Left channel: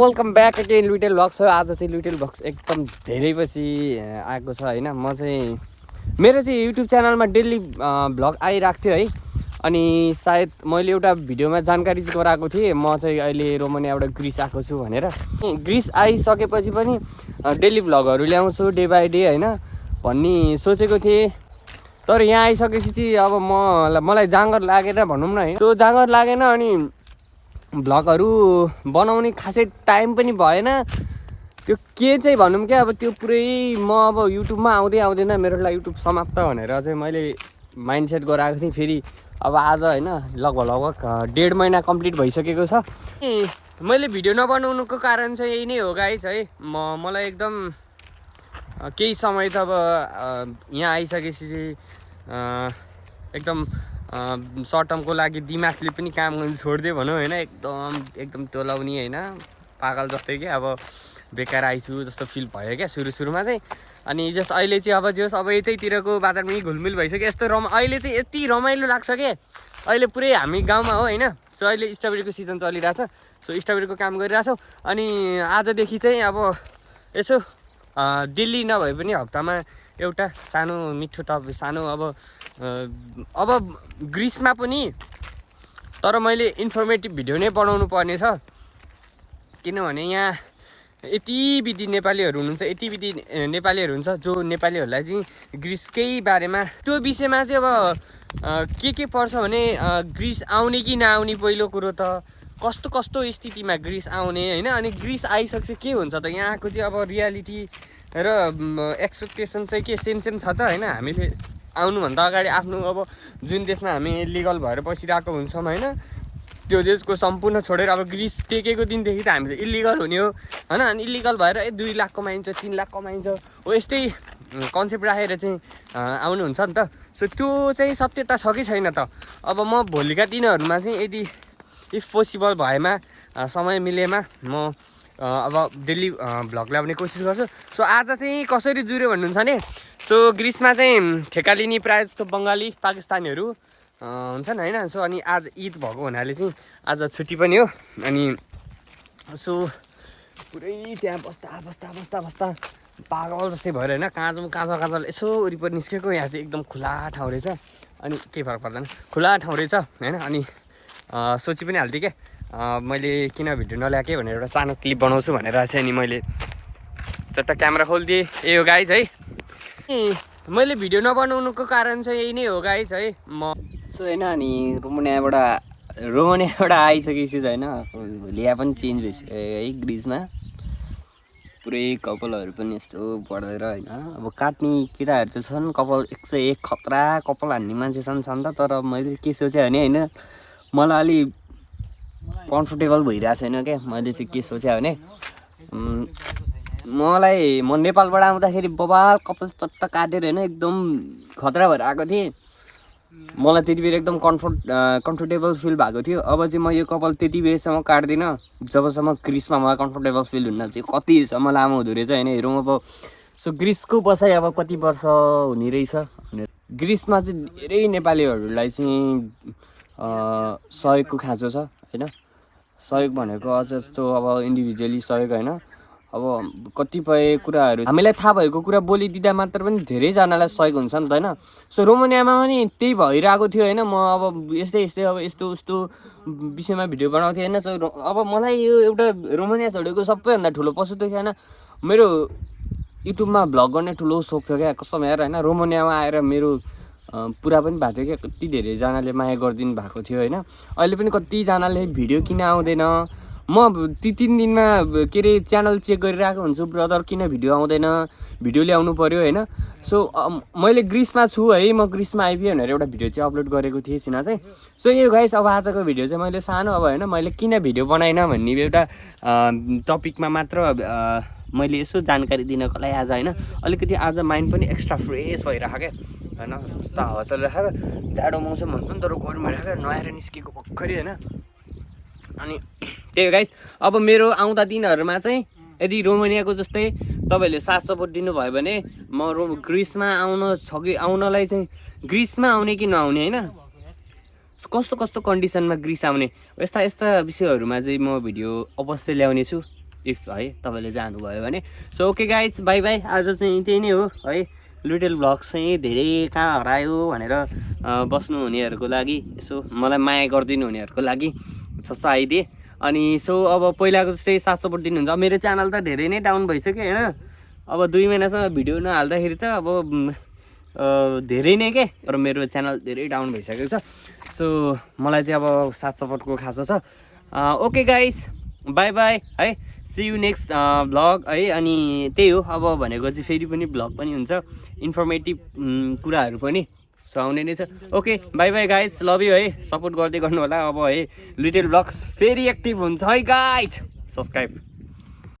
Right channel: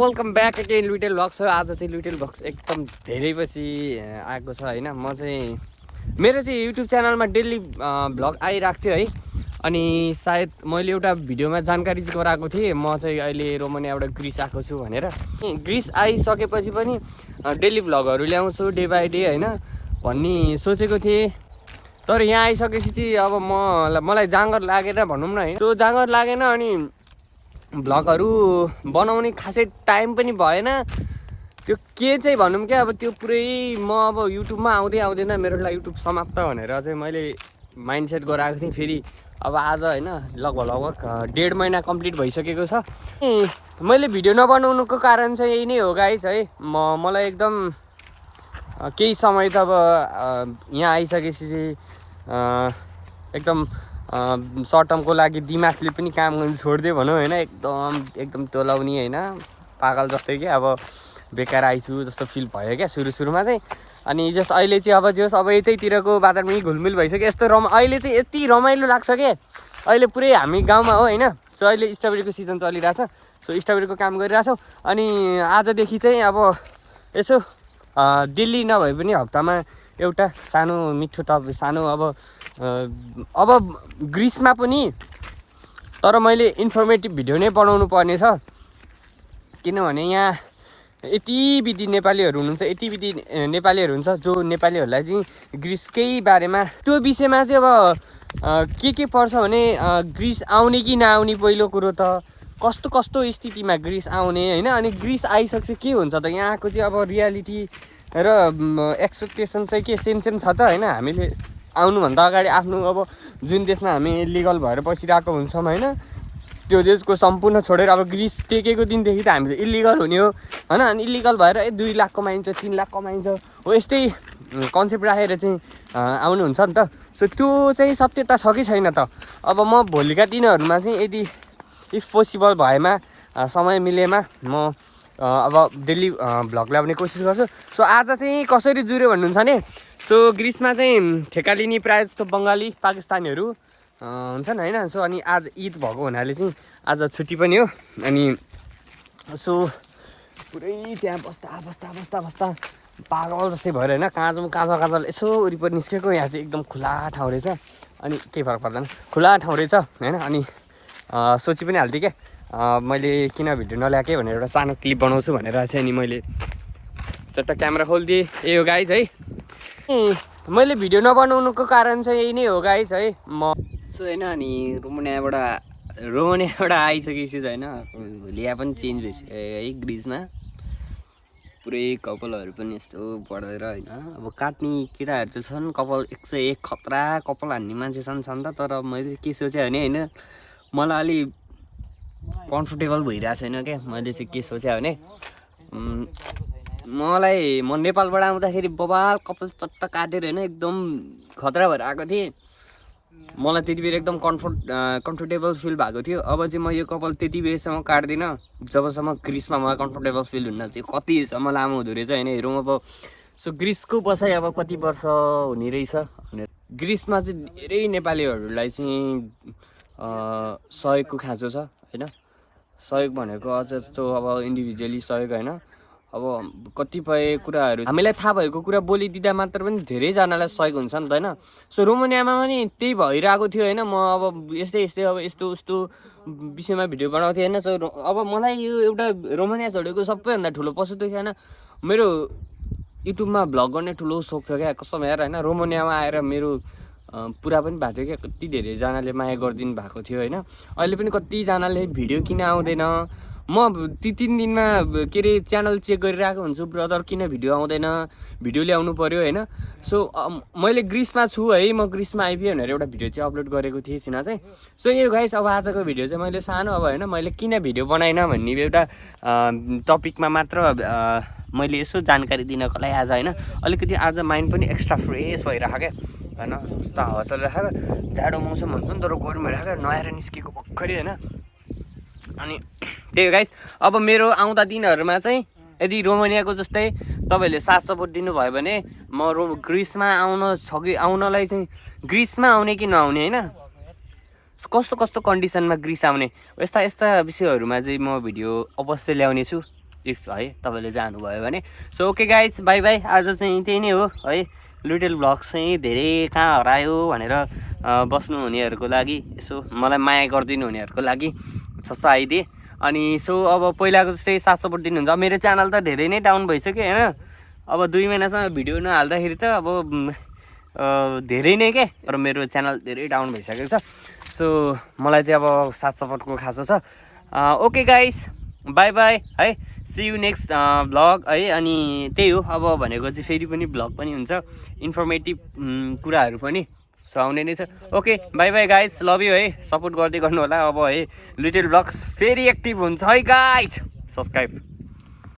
Welcome back again little vlogs. आज चाहिँ little vlogs एकदम धेरै पछि आएको छ हैन। म चाहिँ मेरो चाहिँ युट्युब च्यानलमा डेली भ्लग आइरहेको थियो है। अनि सायद मैले एउटा भिडियोमा जानकारी गराएको थिएँ म चाहिँ अहिले रोमानियाबाट ग्रिस आएको छु भनेर। ग्रिस आइसकेपछि पनि डेली भ्लगहरू ल्याउँछु डे बाई डे हैन भन्ने सोचेको थिएँ। तर यहाँ आइसकेपछि चाहिँ अब मलाई जाँगर लागेर भनौँ न है, त्यो जाँगर लागेन। अनि भ्लगहरू बनाउने खासै टाइम पनि भएन। त्यो के चाहिँ भनौँ क्या, अब त्यो पुरै म अब युट्युबमा आउँदैन मेरो लागि युट्युब समाप्त भनेर चाहिँ मैले माइन्डसेट गराएको थिएँ। फेरि अब आज होइन लगभग 1.5 महिना कम्प्लिट भइसकेको छ। मैले भिडियो नबनाउनुको कारण चाहिँ यही नै हो गाइस है। मलाई एकदम केही समय त अब यहाँ आइसकेपछि चाहिँ एकदम सर्ट टर्मको लागि दिमागले पनि काम गर्नु छोडिदियो भनौँ होइन। एकदम टोलाउने होइन, पागल जस्तै क्या, अब बेकार आइछु जस्तो फिल भयो क्या सुरुमा चाहिँ। अनि जस अहिले चाहिँ अब यतैतिरको वातावरण घुलमिल भइसक्यो। अहिले चाहिँ यति रमाइलो लाग्छ क्या। अहिले पुरै हामी गाउँमा हो होइन। सो अहिले स्ट्रबेरीको सिजन चलिरहेछ। सो स्ट्रबेरीको काम गरिरहेछौँ। अनि आजदेखि चाहिँ अब यसो डेली नभए पनि हप्तामा एउटा सानो मिठो सानो अब ग्रिसमा पनि तर मैले इन्फर्मेटिभ भिडियो नै बनाउनु पर्ने छ। किनभने यहाँ यति विधि नेपालीहरू हुन्छ जो नेपालीहरूलाई चाहिँ ग्रिसकै बारेमा त्यो विषयमा चाहिँ अब के पर्छ भने ग्रिस आउने कि नआउने, पहिलो कुरो त कस्तो स्थितिमा ग्रिस आउने होइन। अनि ग्रिस आइसकेपछि के हुन्छ त यहाँको चाहिँ अब रियालिटी र एक्सपेक्टेसन चाहिँ के सेम छ त होइन। हामीले आउनुभन्दा अगाडि आफ्नो अब जुन देशमा हामी इलिगल भएर बसिरहेको हुन्छौँ होइन, त्यो देशको सम्पूर्ण छोडेर अब ग्रिस टेकेको दिनदेखि त हामी त इलिगल हुने हो होइन। अनि इलिगल भएर 2 लाख कमाइन्छ 3 लाख कमाइन्छ हो, यस्तै कन्सेप्ट राखेर चाहिँ आउनुहुन्छ नि त। सो त्यो चाहिँ सत्यता छ कि छैन त। अब म भोलिका दिनहरूमा चाहिँ यदि इफ पोसिबल भएमा समय मिलेमा म अब डेली भ्लग ल्याउने कोसिस गर्छु। सो आज चाहिँ कसरी जुऱ्यो भन्नुहुन्छ भने, सो ग्रिसमा चाहिँ ठेका लिने प्रायः जस्तो बङ्गाली पाकिस्तानीहरू हुन्छन् होइन। सो अनि आज ईद भएको हुनाले चाहिँ आज छुट्टी पनि हो। अनि सो पुरै त्यहाँ बस्दा पागल जस्तै भएर होइन, काँचल यसो वरिपरि निस्केको। यहाँ चाहिँ एकदम खुला ठाउँ रहेछ। अनि केही फरक पर्दैन, खुला ठाउँ रहेछ होइन। अनि सोची पनि हाल्थेँ क्या मैले किन भिडियो नल्याएँ भनेर, एउटा सानो क्लिप बनाउँछु भनेर चाहिँ। अनि मैले चट्ट क्यामेरा खोलिदिएँ। ए हो गाइज है, मैले भिडियो नबनाउनुको कारण चाहिँ यही नै हो गाइज है। म सो होइन। अनि रोमानियाबाट आइसकेपछि होइन लिया पनि चेन्ज भइसक्यो है ग्रिसमा। पुरै कपालहरू पनि यस्तो बढेर होइन। अब काट्ने केटाहरू चाहिँ छन् कपाल 101 खतरा कपाल हान्ने मान्छे छन् त। तर मैले के सोचेँ भने होइन, मलाई अलि कम्फोर्टेबल भइरहेको छैन क्या। मैले चाहिँ के सोचेँ भने म नेपालबाट आउँदाखेरि बबाल कपाल चट्ट काटेर होइन एकदम खतरा भएर आएको थिएँ। मलाई त्यति बेर एकदम कम्फोर्टेबल फिल भएको थियो। अब चाहिँ म यो कपाल त्यति बेरसम्म काट्दिनँ जबसम्म ग्रिसमा मलाई कम्फोर्टेबल फिल हुन्न चाहिँ। कतिसम्म लामो हुँदो रहेछ होइन हेरौँ अब। सो ग्रिसको बसाइ अब कति वर्ष हुने रहेछ भनेर। ग्रिसमा चाहिँ धेरै नेपालीहरूलाई चाहिँ सहयोगको खाँचो छ होइन। सहयोग भनेको अझ जस्तो अब इन्डिभिजुअली सहयोग होइन। अब कतिपय कुराहरू हामीलाई थाहा भएको कुरा बोलिदिँदा मात्र पनि धेरैजनालाई सहयोग हुन्छ नि त होइन। सो रोमानियामा पनि त्यही भइरहेको थियो होइन। म अब यस्तै अब यस्तो विषयमा भिडियो बनाउँथेँ होइन। सो अब मलाई यो एउटा रोमानिया छोडेको सबैभन्दा ठुलो पछुतो थियो होइन। मेरो युट्युबमा भ्लग गर्ने ठुलो सोख थियो क्या कसम यार होइन। रोमानियामा आएर मेरो पुरा पनि भएको थियो क्या। कति धेरैजनाले माया गरिदिनु भएको थियो होइन। अहिले पनि कतिजनाले भिडियो किन आउँदैन, म 3 दिनमा के अरे च्यानल चेक गरिरहेको हुन्छु, ब्रदर किन भिडियो आउँदैन, भिडियो ल्याउनु पऱ्यो होइन। सो मैले ग्रिसमा छु है, म ग्रिसमा आइपुगेँ भनेर एउटा भिडियो चाहिँ अपलोड गरेको थिएँ चाहिँ। सो यो गाइस अब आजको भिडियो चाहिँ मैले सानो अब होइन मैले किन भिडियो बनाइनँ भन्ने एउटा टपिकमा मात्र मैले यसो जानकारी दिनको लागि आज होइन। अलिकति आज माइन्ड पनि एक्स्ट्रा फ्रेस भइरहेको क्या होइन। कस्तो हावा चलिरहेको, जाडो मौसम भन्छ नि तर गरम भइरहेको, नुहाएर निस्केको भर्खरै होइन। अनि त्यही हो गाइस, अब मेरो आउँदा दिनहरूमा चाहिँ यदि रोमानियाको जस्तै तपाईँहरूले साथ सपोर्ट दिनुभयो भने म ग्रिसमा आउनलाई चाहिँ ग्रिसमा आउने कि नआउने होइन, कस्तो कन्डिसनमा ग्रिस आउने यस्ता विषयहरूमा चाहिँ म भिडियो अवश्य ल्याउने छु। इफ है तपाईँले जानुभयो भने। So okay guys, by by. आज चाहिँ त्यही नै हो है, लिटल भ्लग चाहिँ धेरै कहाँ हरायो भनेर बस्नु हुनेहरूको लागि, यसो मलाई माया गरिदिनु हुनेहरूको लागि छस्स आइदिए। अनि सो अब पहिलाको जस्तै साथ सपोर्ट दिनुहुन्छ। मेरो च्यानल त धेरै नै डाउन भइसक्यो होइन, अब 2 महिनासम्म भिडियो नहाल्दाखेरि त अब धेरै नै के, तर मेरो च्यानल धेरै डाउन भइसकेको छ। सो मलाई चाहिँ अब साथ सपोर्टको खाँचो छ। ओके गाइस, बाई बाई है, सी यु नेक्स्ट भ्लग है। अनि त्यही हो, अब भनेको चाहिँ फेरि पनि भ्लग पनि हुन्छ, इन्फर्मेटिभ कुराहरू पनि सो आउने नै छ। Okay by by guys, love you है, सपोर्ट गर्दै गर्नु होला। अब है लिटल भ्लग्स फेरि एक्टिभ हुन्छ है गाइस, सब्सक्राइब।